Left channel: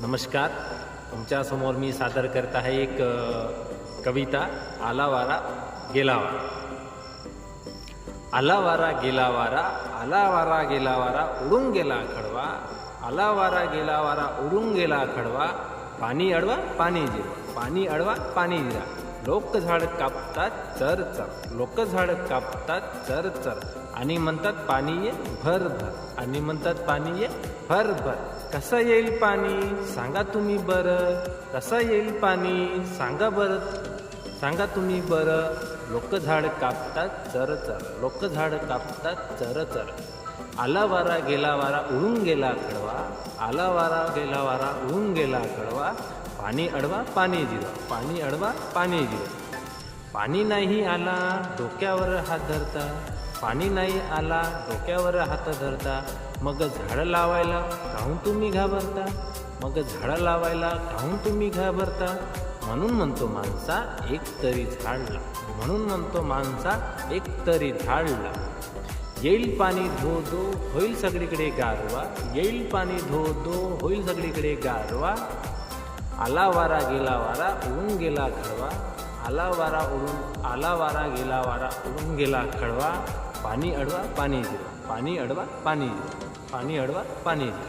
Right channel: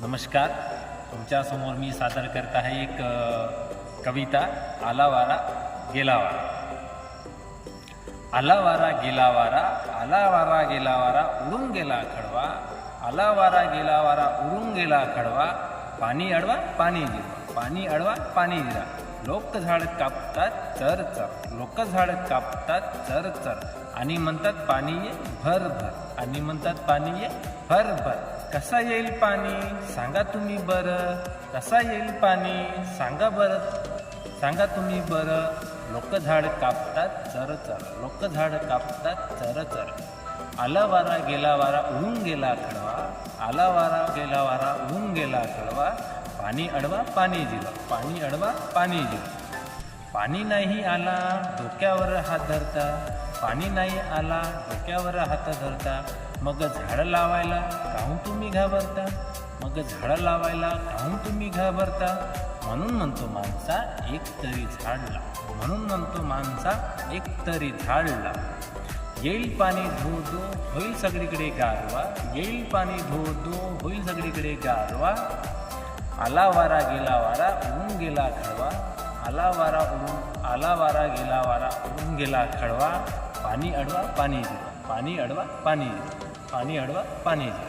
नमस्कार. तुमच्यासमोर मी सादर करत आहे एक कविता आला वारा गेला वारा आला वारा गेला वारा आला वारा गेला वारा उडून गेला खडवा आला वारा गेला वारा उडून गेला खडवा पाणी अडवा पाणी जिरवा पाणी अडवा पाणी जिरा लोक झाड कापतात चर चर. लोक झाड कापतात चर चर. आणि म्हणतात पाणी ये भर भर. आणि म्हणतात पाणी ये भर भर. कसं येईल पाणी? सांगा तुम्ही बरं. कसा येईल पाणी? सांगा बरं. सांगा तुम्ही बरं. लोक झाड कापतात चर चर. लोक झाड कापतात चर चर. आला वारा गेला वारा उडून गेला खडवा आला वारा गेला वारा उडून गेला खडवा पाणी अडवा पाणी जिवा पाणी अडवा पाणी जिवा पाणी नाही आला डोक्यावर हात धरता. पाणी नाही आला डोक्यावर हात धरता. मग झाडं लावायला काहून तुम्ही घाबरता? मग झाडं लावायला काहून तुम्ही घाबरता? म्हणून म्हणतो माणसा एक तरी झाड लाव. म्हणून म्हणतो माणसा एक तरी झाड लाव. येईल पाणी धो दो होईल सगळीकडे गारवा. येईल पाणी धो दो होईल सगळीकडे गारवा. आला वारा गेला वारा उडून गेला खडवा. आला वारा उडून आला वारा गेला वारा उडून गेला खडवा. पाणी अडवा पाणी जिरवा पाणी अडवा पाणी जिरवा पाणी अडवा पाणी जिरवा